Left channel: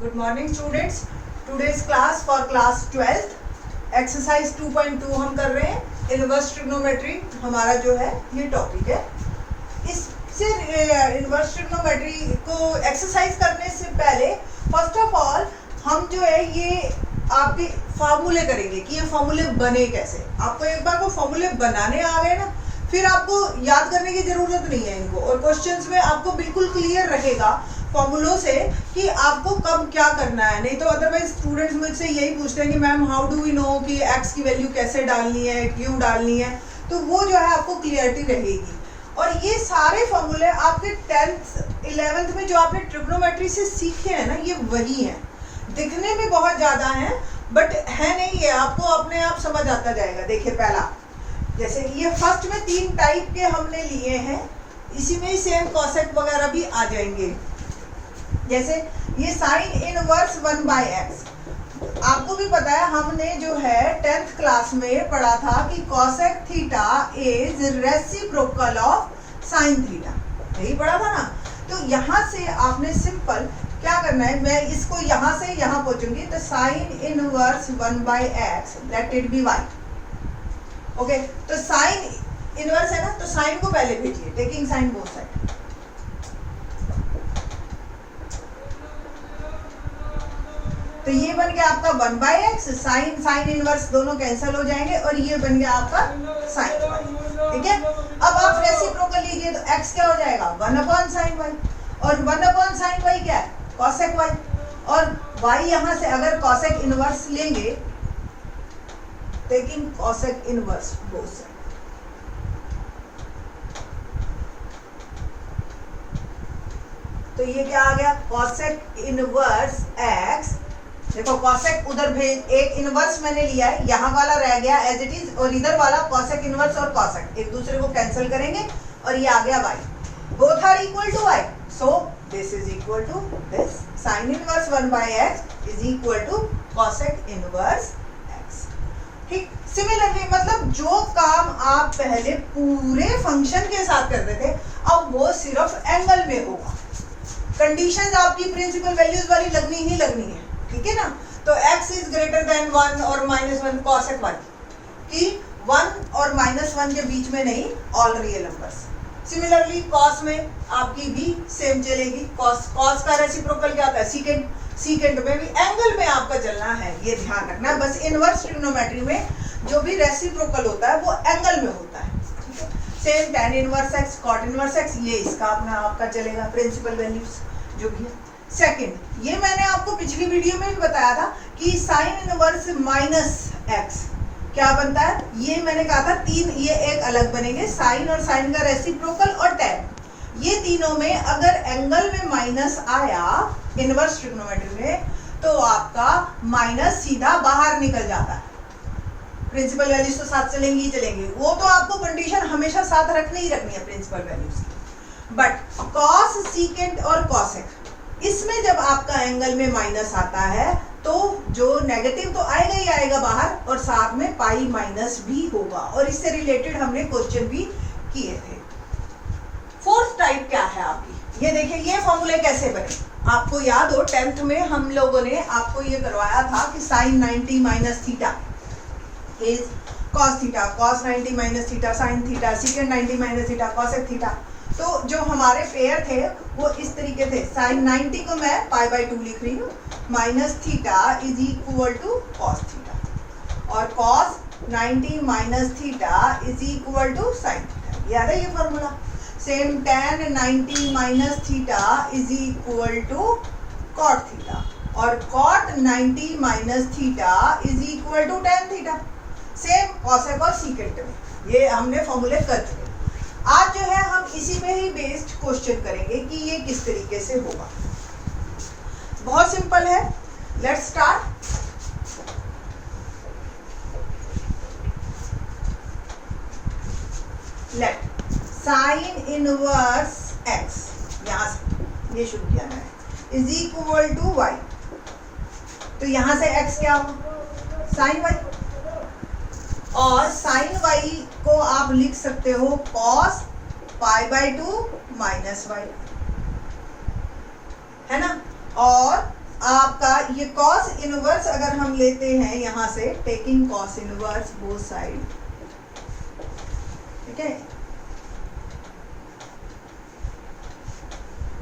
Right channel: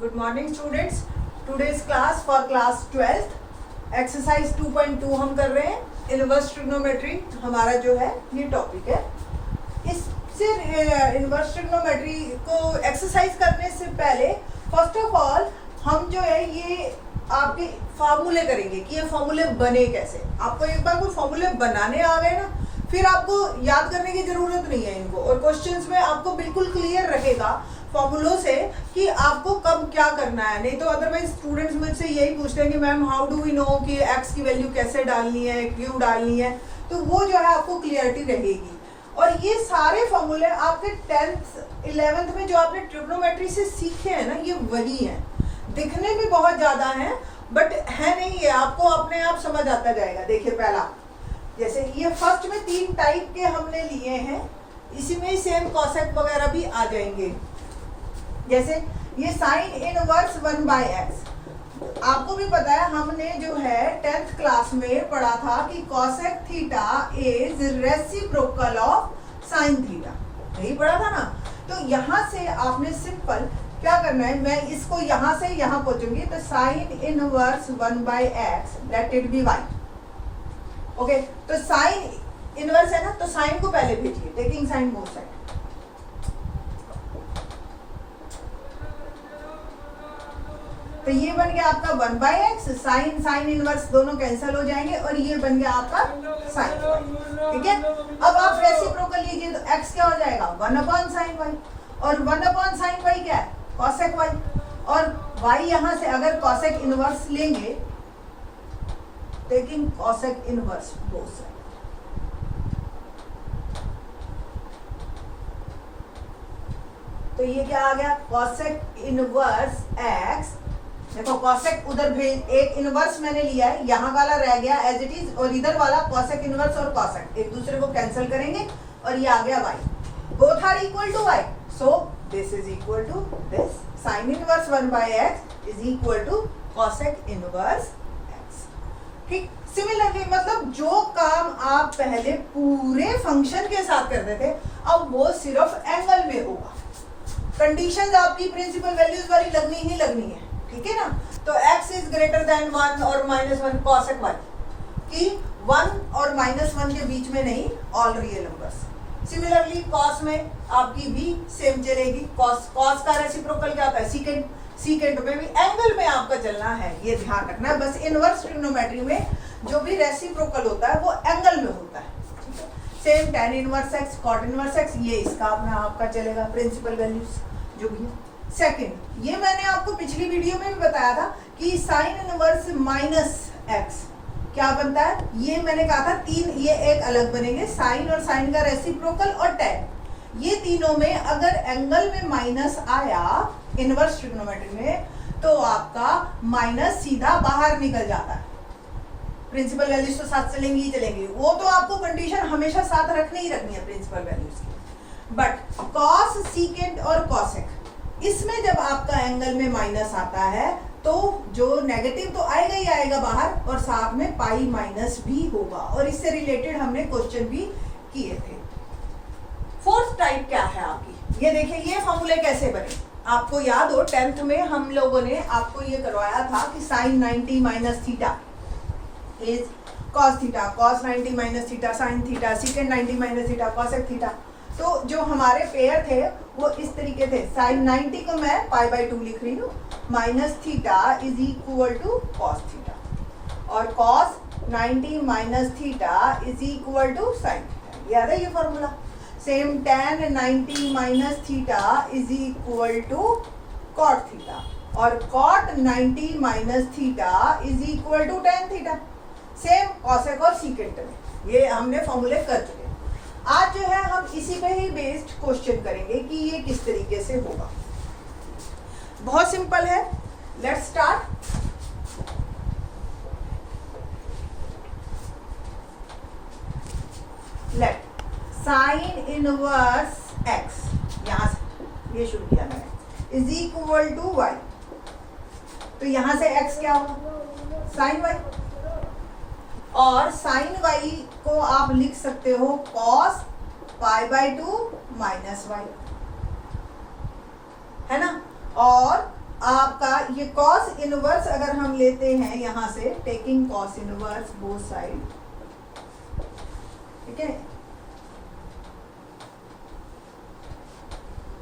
Good morning students. Today's class for class 12th exercise 2.2 हम कर रहे हैं इनवर्स ट्रिग्नोमेट्री हमारा जो है ये टॉपिक है। इससे इनवर्स ट्रिग्नोमेट्री को एक्सरसाइज करने से पहले फर्स्ट ऑफ ऑल हम जो है ये आपके फार्मूले करेंगे कि ये फार्मूले बने कैसे। आपको एक बार वो फार्मूले बनाने आ गए ना, फिर आपको याद करने की जरूरत नहीं है इनको, और क्वेश्चंस में आपको बिल्कुल क्लियर रहेगा फॉर्मूलों से कि आपको कब क्या करना है। नहीं तो अदरवाइज स्टूडेंट्स मुझसे यही पूछते हैं कि ma'am how do we know कि एक्स की वैल्यू कैसे डालनी है, क्यों डालनी है, तो वो जो है आपको क्लियरिटी रहेगी। और ये सारे फॉर्मूले आपके 10th 11th में जो आपने ट्रिग्नोमेट्री से सीखे हैं ना, ये वही हैं। दिखने में बहुत ज़्यादा हैं बट है नहीं, ये आपको अपने आप समझ आता जाएगा। देखिए पहला, जैसे ये फर्स्ट में 3 टाइप के हमने लिए हैं, इसी में ही सेम कॉसेक वगैरह भी आ जाएंगे। जैसे ये साइन इनवर्स 1/x, आपको भी पता है हमने जो है 10th क्लास में पढ़ा था कि cosec theta is reciprocal of sine theta, यही पढ़ा था ना। तो यहाँ से आपने सिंपल क्या करना है, मैं इसको यहाँ से यहाँ पहुँचूंगी तो sine inverse 1/x let it be y। Okay, तो साइन इनवर्स है ना, तो साइन को पहले भेजिए, टेकिंग साइन बोथ साइड। तो ये बन गया आपका 1/x, साइन साइन इनवर्स दोनों कैंसिल हो जाएंगे और ये बन गया आपका साइन y। ठीक है, अब आप रेसिप्रोकल लीजिए तो x क्या हो जाएगा 1/sin y, और 1/sin y क्या है cosec y, और y यहां से अगर cosec इनवर्स लेंगे, taking cosec inverse both side, तो ये क्या आ गया cosec इनवर्स x। देखो कॉसेक उधर भेज, एक इनवर्स मैंने लिया है, यहाँ वाला रह गया एज इट इज, और इधर वाला कॉसेक इनवर्स और कॉसेक एक दूसरे को कैंसिल करेंगे और ये आ गया y। Both are equal to y, so this is equal to this. Sine inverse 1/x is equal to cosec inverse x। ठीक, सिमिलरली मतलब जो काम आप पहले पूरे फंक्शन के साथ करते थे, अब वो सिर्फ एंगल में होगा। कंडीशंस आपकी प्रिंसिपल वैल्यूज वाली लगनी ही लगनी है, ठीक है ना। तो x इज ग्रेटर देन 1 और -1 cosec y, कि 1 और -1 के बीच में नहीं, all real numbers. Similarly cos में आपकी भी सेम चलेगी, cos का रेसिप्रोकल क्या होता है सीकेंट, सीकेंट में भी एंगल में आपका चलना है, ये ध्यान रखना है। बस इनवर्स ट्रिग्नोमेट्री में जो भी रेसिप्रोकल होता है वो एंगल में होता है, ठीक है। Same tan inverse x, cot inverse x, ये इसका अपना आपका चलेगा प्रिंसिपल वैल्यूज जो भी है। सेकंड, ये मैंने आपको पिछली वीडियो में भी बताया था कि साइन इनवर्स -x क्या बनता है, ये मैंने कहा था 3, ये एक अलग बनेंगे, साइन और साइन का रेसिप्रोकल और tan। ये तीनों में अगर एंगल में माइनस आया इनवर्स ट्रिग्नोमेट्री में, तो आपका माइनस सीधा बाहर निकल जाता है। प्रिंसिपल वैल्यूज तो साथ चलेंगी ही चलेंगी, वो तो आपको कंडीशन हमेशा साथ रखनी ही रखनी है प्रिंसिपल वैल्यूज की। बट कॉस, सीकेंट और कॉसेक, इसमें जब आपका एंगल में माइनस आता है तो जो नेगेटिव तो आएगा ही आएगा बाहर, और साथ में पाई माइनस भी होगा, और इससे रिलेटेड हमने क्वेश्चन भी किए थे। फोर्थ टाइप क्या है आपकी, ये देखिए ये फॉर्मूले कैसे बने। आपको याद हो 10th में हम लोगों ने आपको ये करवाया था कि sine 90 minus theta is cos theta, cos 90 minus theta sine theta, second 90 minus theta cosec theta. तो जो हमारे पेयर थे वो इस तरीके थे, साइन 90 को मैं π/2 लिख रही हूँ, minus theta is equal to cos theta, और cos 90 minus theta is equal to sine theta. याद है ये formula. Same tan 90 minus theta is equal to cot theta, और cot 90 minus theta is equal to tan theta. Same cosec और secant में ये हमने फॉर्मूले कर चुके। आज जो है हम इसी पे ही बेस्ड क्वेश्चन करेंगे कि ये किस तरीके से होगा। बहुत सिंपल है, let's start. Late sign inverse x, यहां से ये शुरू किया मैंने, इज इक्वल टू y। तो यहां से x क्या होगा साइन y, और साइन y को आप लिख सकते हो cos π/2 माइनस y, है ना, और आपका ये कॉस इनवर्स अगर हम लेते हैं यहां से, taking cos inverse both side, ठीक है,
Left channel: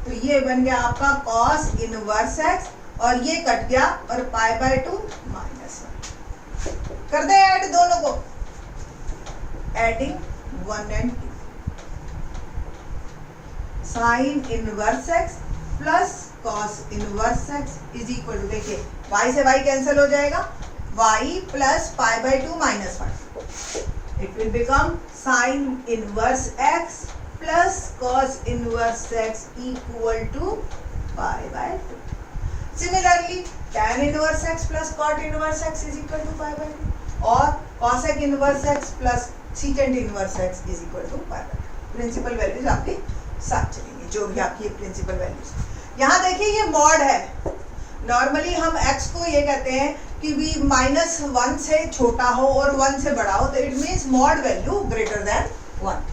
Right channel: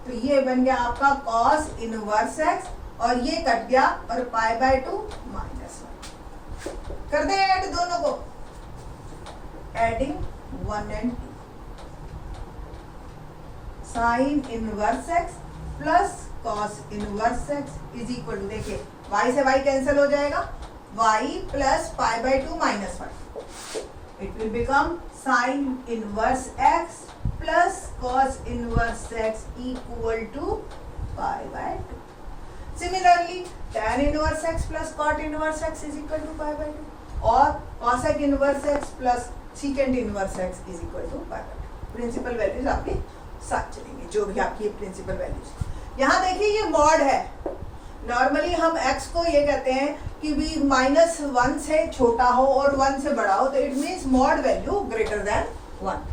तो ये बन गया आपका कॉस इनवर्स एक्स, और ये कट गया और π/2 माइनस कर दे ऐड दोनों को, adding 1 and 2, sine inverse x plus cos inverse x is equal to, देखिए y से y कैंसिल हो जाएगा, y plus π/2 minus 1, it will become sine inverse x plus cos inverse x equal to π/2. Similarly, tan inverse x plus cot inverse x is equal to π/2, और cosec inverse x plus secant inverse x is equal to π/2. Principal values आपकी साथ चलेंगे, जो भी आपकी principal values. यहाँ देखिए ये मॉड है, नॉर्मली हम x को ये कहते हैं कि भी -1 से छोटा हो और 1 से बड़ा हो, तो it means mod value greater than 1,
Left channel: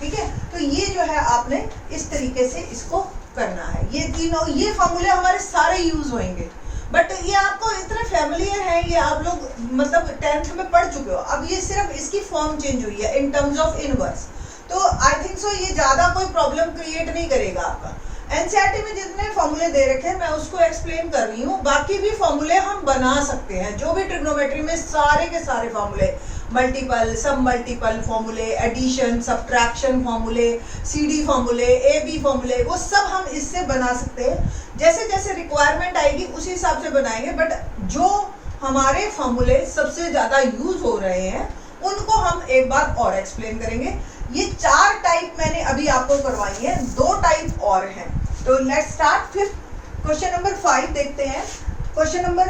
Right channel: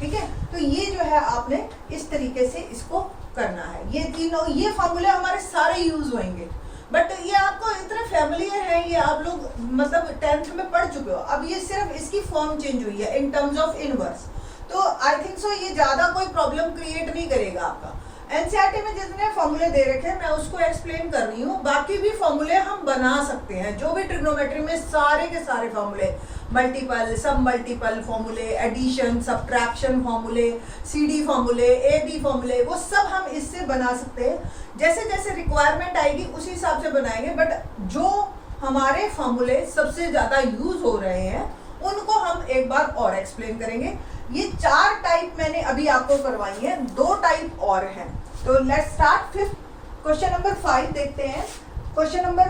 ठीक है. तो ये जो है आपने इस तरीके से इसको करना है. ये तीनों, ये फॉर्मूले हमारे सारे यूज होंगे, बट ये आपको इतने फैमिलियर है, ये आप लोग मतलब 10th में पढ़ चुके हो. अब ये सिर्फ इसकी फॉर्म चेंज हुई है इन टर्म्स ऑफ इनवर्स, तो आई थिंक सो ये ज्यादा कोई प्रॉब्लम क्रिएट नहीं करेगा आपका. एनसीईआरटी में जितने फॉर्मूले दे रखे हैं मैं उसको एक्सप्लेन कर रही हूँ, बाकी भी फॉर्मूले हम बना सकते हैं, जो भी ट्रिग्नोमेट्री में सारे के सारे फॉर्मूले, मल्टीपल, सब मल्टीपल फॉर्मूले, एडिशन, सब्ट्रैक्शन फॉर्मूले, सीडी फॉर्मूले, एबी फॉर्मूले, वो सब हम इससे बना सकते हैं. जैसे जैसे रिक्वायरमेंट आएगी उसी हिसाब से बनाएंगे, बट जो हमारे फॉर्मूले सबसे ज़्यादा यूज हो रहे हैं उनको हम एक बार और एक्सप्लेन करेंगे. ये 4 टाइप मैंने अभी आपको करवाई है, 2 टाइप और हैं. तो लेट्स स्टार्ट. फिर क्वेश्चन नंबर 5 देखते हैं. Question number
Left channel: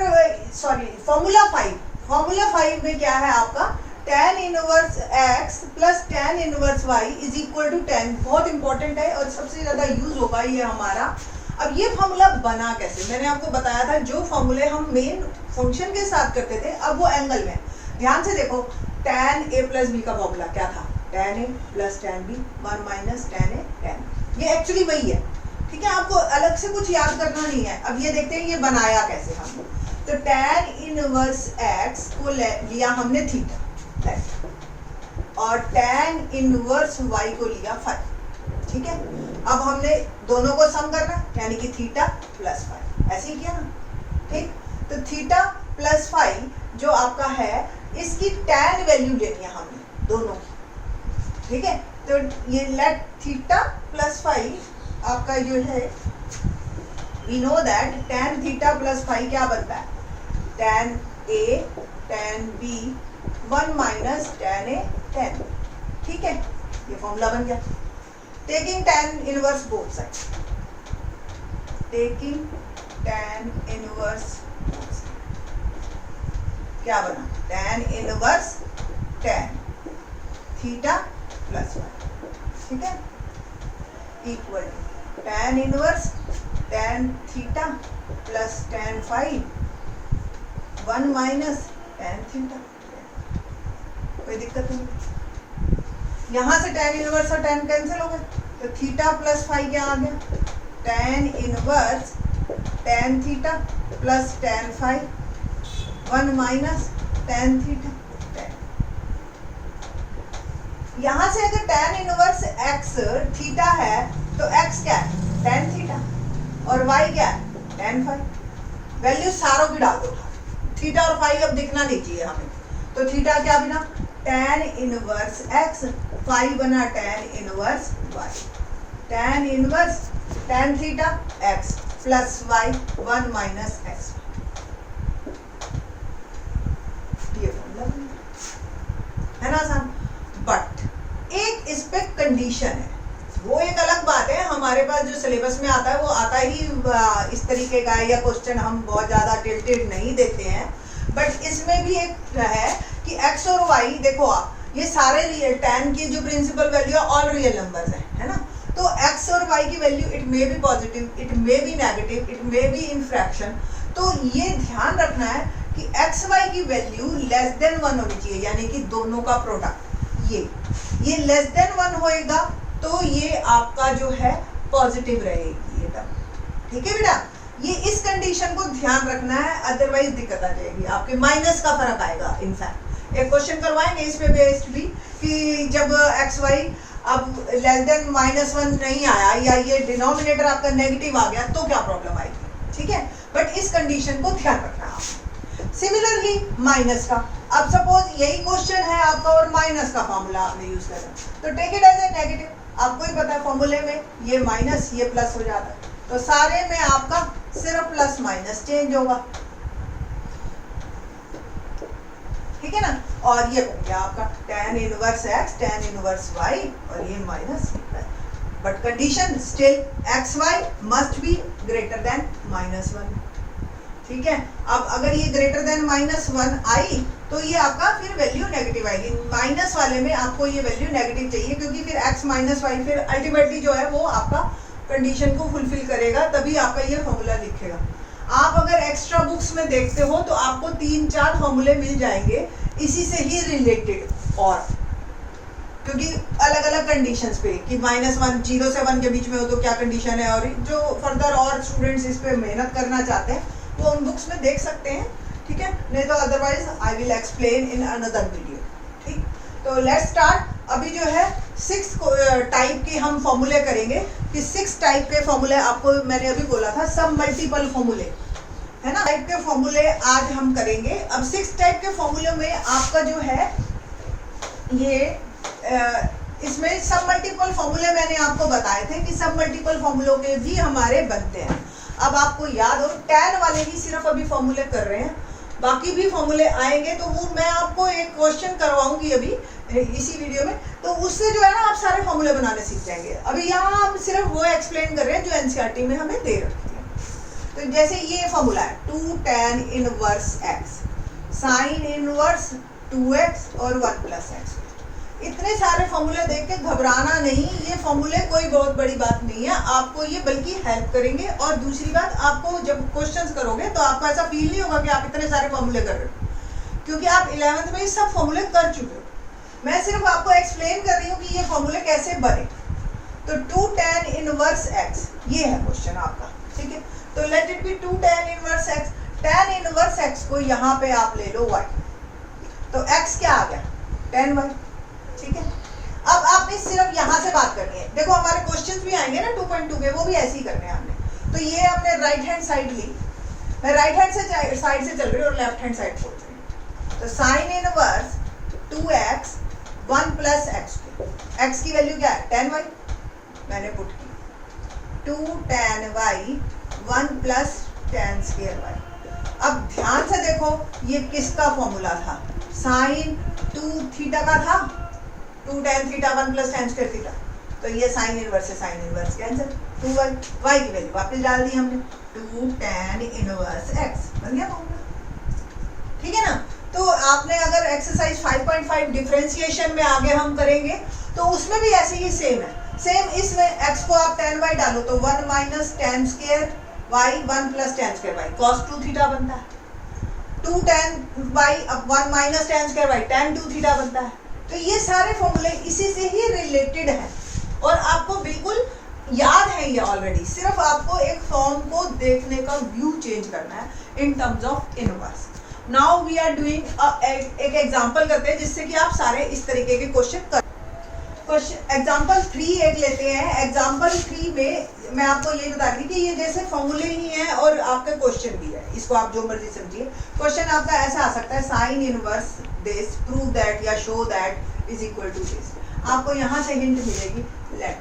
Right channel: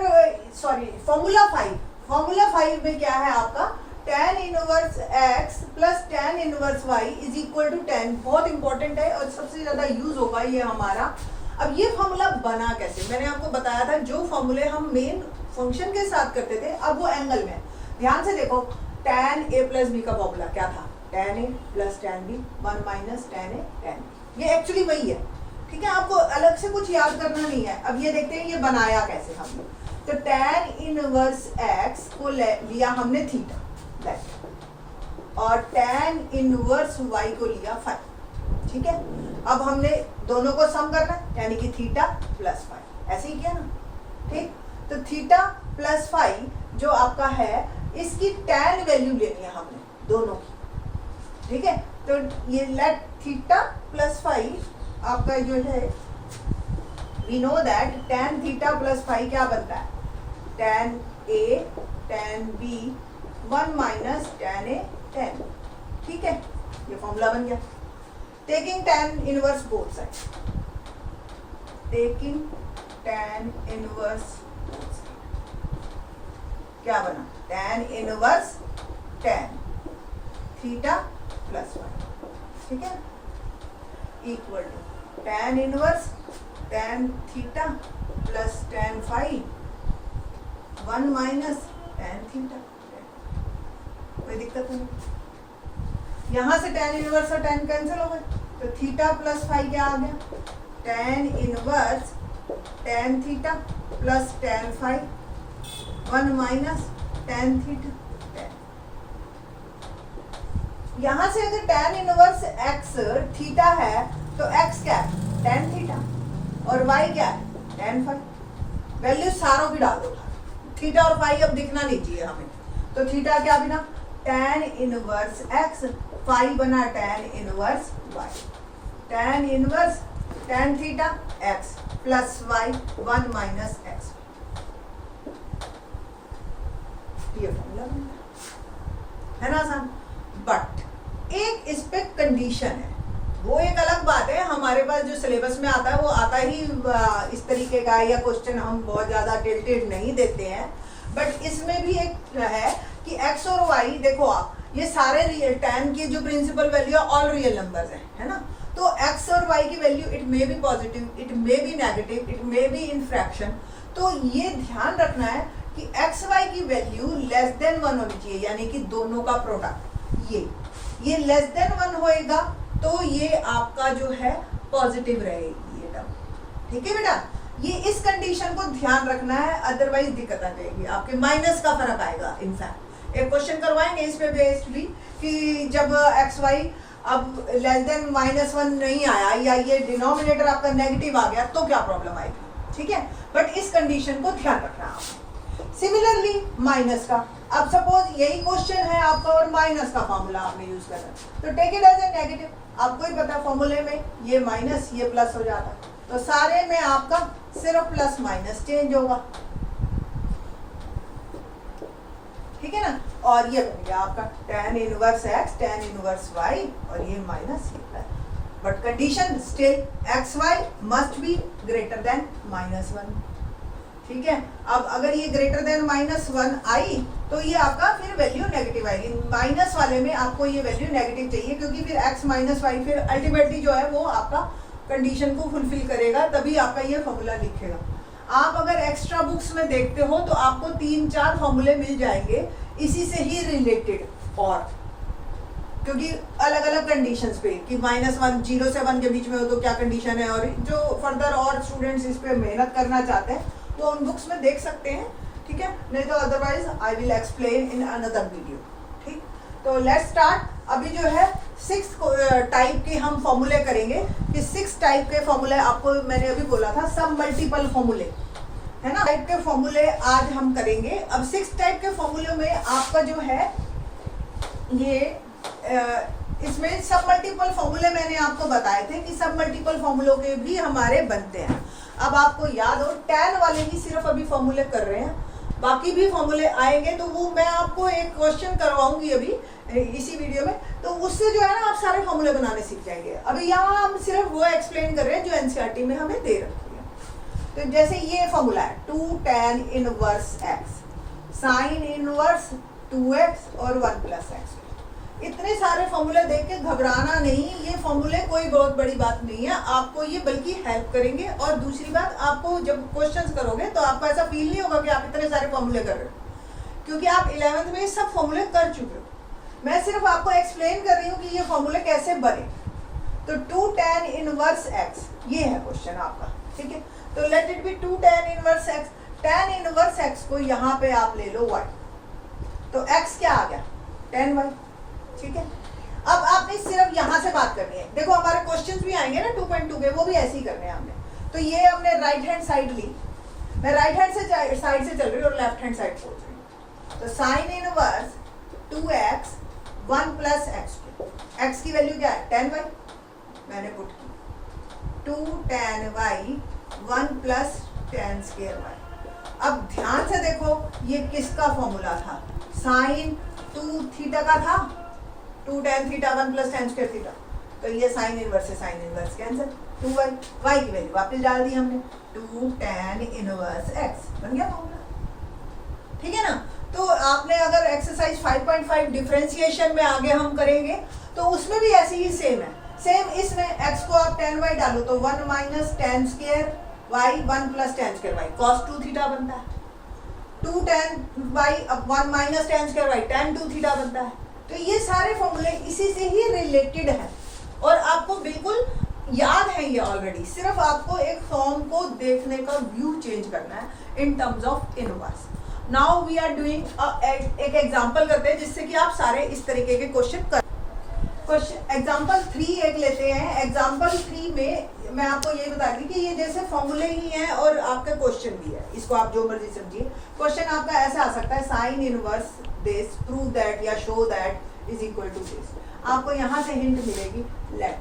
formula 5. फॉर्मूला 5 में क्या है आपका, tan inverse x plus tan inverse y is equal to 10. बहुत इंपॉर्टेंट है और सबसे ज्यादा यूज होगा ये हमारा. अब ये फॉर्मूला बना कैसे, मैंने आपको बताया था जो फॉर्मूले हम मेन फंक्शन के साथ करते थे, अब वो एंगल में. ध्यान से देखो, tan a प्लस b का फॉर्मूला क्या था, tan a plus tan b 1 minus tan a tan b. ये एक्चुअली वही है, ठीक है, आपको अलग से कुछ याद करना नहीं है. अब ये देखते हैं ये बनाया कैसे हमने. तो tan इनवर्स x को लिया हमने थीटा, और tan इनवर्स y को लिया फाई, ठीक है. अब हमने दोनों को सम करना, यानी कि थीटा प्लस फाई, ऐसे ही किया ना, ठीक. तो थीटा प्लस फाई जो आपका है, इसकी tan वैल्यू लेनी है हमने दोनों की, ठीक है. तो ये लेट थीटा प्लस फाई आपका जो है, we know that tan theta plus phi क्या बनता है, tan a tan b 1 minus tan a tan, ठीक है. ये फॉर्मूला बन गया. Taking tan inverse both side, taking tan inverse क्या बना, tan inverse tan theta plus phi, ठीक है, equal to tan inverse tan theta plus tan phi 1 minus tan theta. कोई दिक्कत नहीं. यहाँ से tan इनवर्स और tan कैंसिल हो गए, तो थीटा प्लस फाई क्या आ गया, tan inverse tan theta plus tan phi 1 minus tan theta tan. यहाँ से अगर tan इनवर्स x थीटा है तो x क्या है, tan थीटा, और y क्या है, tan फाई. वैल्यू सारों की डाल दो, थीटा और फाई अब दिखना नहीं चाहिए हमें. तो थीटा क्या बना, tan इनवर्स x, फाई बना tan inverse y. tan inverse tan theta x plus y 1 minus x. ये फॉर्मूला है ना आसान. बट एक इस पे कंडीशन है, वो एक अलग बात है. हमारे पास जो सिलेबस में आता है वो आता ही इस तरीके का है, या क्वेश्चन हम बहुत ज़्यादा टिल्टेड नहीं देते हैं. बट इसमें भी एक है कि x और y, देखो आप ये सारे रियल, tan की जो प्रिंसिपल वैल्यू है ऑल रियल नंबर्स है ना. तो x और y की value it may be positive, it may be negative, it may be in fraction. तो ये ध्यान रखना है कि x y की वैल्यू लेस देन 1 होनी चाहिए, यानी कि दोनों का प्रोडक्ट ये लेस देन 1 होएगा तो ये आपका जो है पॉजिटिव रहेगी ये टर्म, ठीक है बेटा. ये इस कंडीशन को ध्यान रखना है, अदरवाइज दिक्कत आ जाएगी, आपके माइनस का फर्क आएगा। इनफैक्ट एक क्वेश्चन करवाएंगे इस पे बेस्ड भी कि जब एक्स वाई अब लेस देन -1 नहीं आया या ये डिनोमिनेटर आपका नेगेटिव आ गया तो क्या प्रॉब्लम आएगी, ठीक है। बट इस कंडीशन को ध्यान रखना है आपने। सिमिलरली माइनस का, अब सपोज यही क्वेश्चन है आपका और माइनस का फॉर्मूला आपने यूज करा, तो take it as a negative. आपको ही पता फॉर्मूले में ये माइनस ये प्लस हो जाता है, तो सारे में आपका सिर्फ प्लस माइनस चेंज होगा, ठीक है ना। और ये बन गया आपका tan inverse x tan inverse y और ये minus, but condition still xy must be greater than -1, ठीक है। अब अगर ये ग्रेटर देन -1 आई तो ये आपका फिर वैल्यू नेगेटिव आएगी। माइनस वाले में आपको ये वैल्यू नेगेटिव चाहिए, क्योंकि फिर x माइनस वाई फिर अल्टीमेटली जो है वो आपका कंडीशन को फुलफिल करेगा, तभी आपका ये फॉर्मूला लिखेगा। आप अगर एक्स्ट्रा बुक्स में देखते हो तो आपको 3-4 फॉर्मूले मिल जाएंगे इसी से ही रिलेटेड, और क्योंकि अलग अलग कंडीशंस पे कि -1 0 से 1 के बीच में हो तो क्या कंडीशन है, और जो फर्दर और स्टूडेंट्स इस पे मेहनत करना चाहते हैं वो उन बुक्स में देख सकते हैं, ठीक है। नहीं तो otherwise I will explain in another video, ठीक। तो लेट्स स्टार्ट। अभी जो है 6 टाइप के हम फॉर्मूले करेंगे, कि 6 टाइप के फॉर्मूले आपको मैंने अभी बोला था, सब मल्टीपल फॉर्मूले है ना, टाइप के फॉर्मूले आज हम करेंगे। अब 6 टाइप के फॉर्मूले में आपका जो है ये इसमें सब मल्टीपल फॉर्मूले मैंने आपको बताए थे कि सब मल्टीपल फॉर्मूलों के भी हमारे बनते हैं। अब आपको याद हो tan वाले ही सिर्फ अभी फॉर्मूले कर रहे हैं, बाकी भी फॉर्मूले आएंगे तो वो मैं आपको एक क्वेश्चन करवाऊंगी अभी इसी वीडियो में, तो उससे जो है ना आप सारे फॉर्मूले बनाने सीख जाएंगे। अभी यहाँ हम सिर्फ वो एक्सप्लेन कर रहे हैं जो एनसीईआरटी में हमें दे रखी है। तो जैसे ये फॉर्मूला है 2 tan inverse x sine inverse 2x और 1 + x। इतने सारे फॉर्मूले देख के घबराना नहीं, ये फॉर्मूले कोई बहुत बड़ी बात नहीं है, आपको ये बल्कि हेल्प करेंगे। और दूसरी बात, आपको जब क्वेश्चंस करोगे तो आपको ऐसा फील नहीं होगा कि आप इतने सारे फॉर्मूले कर रहे हो, क्योंकि आप 11th में ये सब फॉर्मूले कर चुके हो। मैं सिर्फ आपको एक्सप्लेन कर रही हूँ कि ये फॉर्मूले कैसे बने। तो 2 tan इनवर्स x ये है क्वेश्चन आपका, ठीक है। तो let it be 2 tan inverse x। tan inverse x को यहाँ पे आप ले लो y, तो x क्या आ गया tan y, ठीक है। अब आपने सिर्फ यहाँ से बात करनी है। देखो हमारे क्वेश्चंस भी आएंगे ना 2.2 के, वो भी ऐसे ही करने हैं हमने। तो ये हमने राइट हैंड साइड ली, मैं राइट हैंड से साइड से चल रही हूँ और लेफ्ट हैंड साइड सोच रही हूँ। तो sine inverse 2x 1 + x, x की वैल्यू क्या है tan y, मैंने पुट की 2 tan y 1 + tan² y। अब ध्यान से देखो ये किसका फॉर्मूला था, साइन 2 थीटा का था, 2 tan थीटा 1 + tan² थीटा, तो ये साइन इनवर्स से sine inverse cancel, 2y y की वैल्यू वापस डाल दी हमने 2 tan इनवर्स x, बन गया फॉर्मूला, ठीक है ना। तो आपने अगर एक्सरसाइज 5.5 डिफरेंशिएशन में आगे हम करेंगे तो उसमें भी ऐसे ही सेम है। सेम इसमें x को आप tan y डालो तो 1 - tan² y 1 + tan² y cos 2 theta बनता है। 2 tan y अब 1 - tan² y tan 2 थीटा बनता है। तो ये सारे फॉर्मूले इसी से ही रिलेटेड हैं और आपको बिल्कुल याद है ये ऑलरेडी, सिर्फ आपको एक फॉर्म को देखने का व्यू चेंज करना है in terms of inverse. Now we are doing एक एग्जांपल करते हैं जिससे कि आप सारे इस तरीके के क्वेश्चन कर। क्वेश्चन एग्जांपल 3 एक लेते हैं। एग्जांपल 3 में मैं आपको ये बता रही कि ये जैसे फॉर्मूले ही हैं और आपका क्वेश्चन भी है, इसको आप जो मर्जी समझिए। क्वेश्चन आपका ऐसा आ सकता है sine inverse this prove that या show that is equal to this. आपको यहाँ से हिंट मिलेगी लेट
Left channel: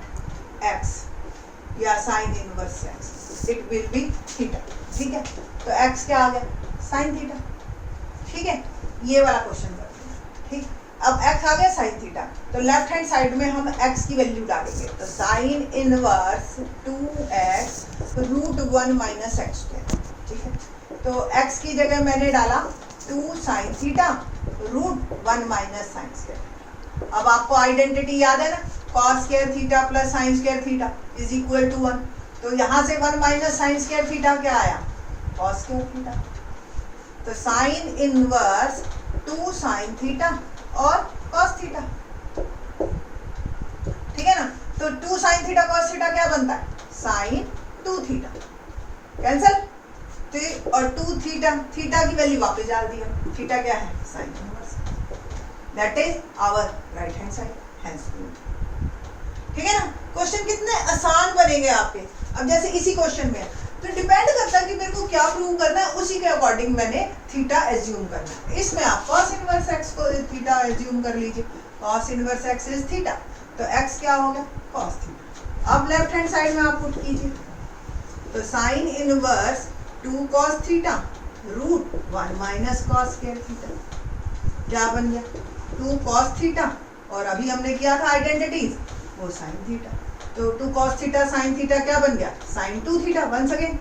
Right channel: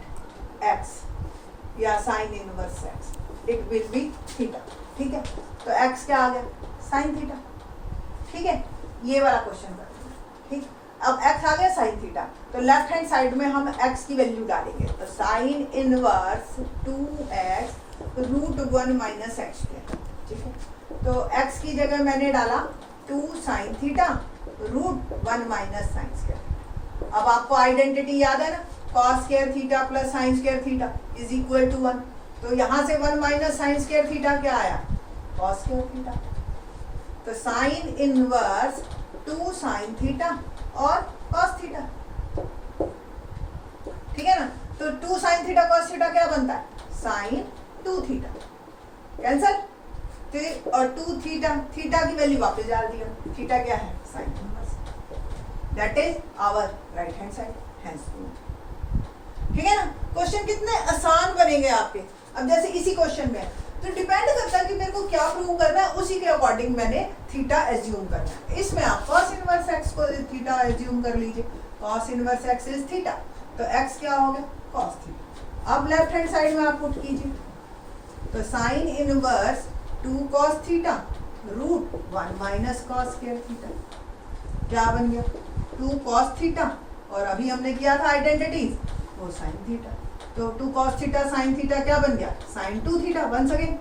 x या sine inverse x it will be theta, ठीक है। तो x क्या आ गया साइन थीटा, ठीक है। ये वाला क्वेश्चन करते हैं, ठीक। अब x आ गया साइन थीटा, तो लेफ्ट हैंड साइड में हम x की वैल्यू डालेंगे। तो साइन इनवर्स 2x √1 - x², ठीक है। तो x की जगह मैंने डाला 2 साइन थीटा √1 - sin²। अब आपको आइडेंटिटी याद है ना, cos² theta + sin² theta is equal to 1। तो यहाँ से 1 - sin² थीटा क्या आया cos² थीटा। तो साइन इनवर्स 2 साइन थीटा और cos थीटा, ठीक है ना। तो 2 साइन थीटा cos थीटा क्या बनता है साइन 2 थीटा, कैंसल, तो और 2 थीटा, थीटा की वैल्यू वापस डाल दिया, थीटा क्या है sine inverse, that is our right hand side, hence ठीक है ना। क्वेश्चन कितने आसान बनेंगे आपके। अब जैसे इसी क्वेश्चन में तो डिपेंड करता है कि मेरे को क्या प्रूव करना है, उसी के अकॉर्डिंग मैंने थीटा एज्यूम करना है। इसमें आप cos इनवर्स x को थीटा एज्यूम कर लीजिए, cos inverse x is theta, तो x क्या हो गया cos थीटा। अब लेफ्ट हैंड साइड में आप पुट कीजिए, तो sine inverse 2 cos theta root 1 minus cos square theta, क्या बन गया 2 cos थीटा, और अभी हमने किया था आइडेंटिटीज वो साइन थीटा, तो 2 cos थीटा साइन थीटा क्या बन गया sine 2 theta, once again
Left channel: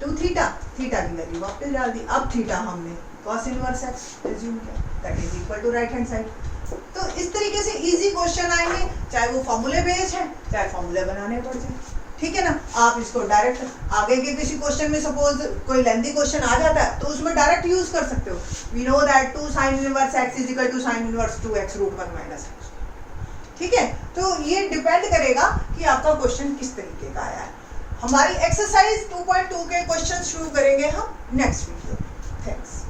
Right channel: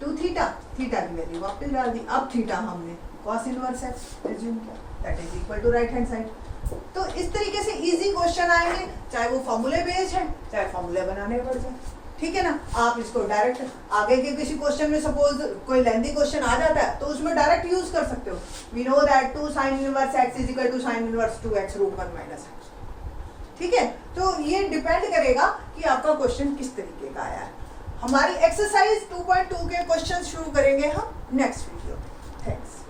2 theta, theta की वैल्यू वापस डाल दी, अब थीटा हमने cos इनवर्स x एज्यूम किया, that is equal to right hand side. तो इस तरीके से इजी क्वेश्चन आएंगे, चाहे वो फॉर्मूले बेस्ड है चाहे फॉर्मूले बनाने पड़ जाए, ठीक है ना। आप इसको डायरेक्ट आगे के किसी क्वेश्चन में सपोज कोई लेंथी क्वेश्चन आ जाता है तो उसमें डायरेक्ट यूज कर सकते हो। We know that 2 sin inverse x is equal to sin inverse 2x root 1 minus x, ठीक है। तो ये डिपेंड करेगा कि आपका क्वेश्चन किस तरीके का आया है। हमारी एक्सरसाइज 2.2 के क्वेश्चन शुरू करेंगे हम नेक्स्ट वीडियो। थैंक्स।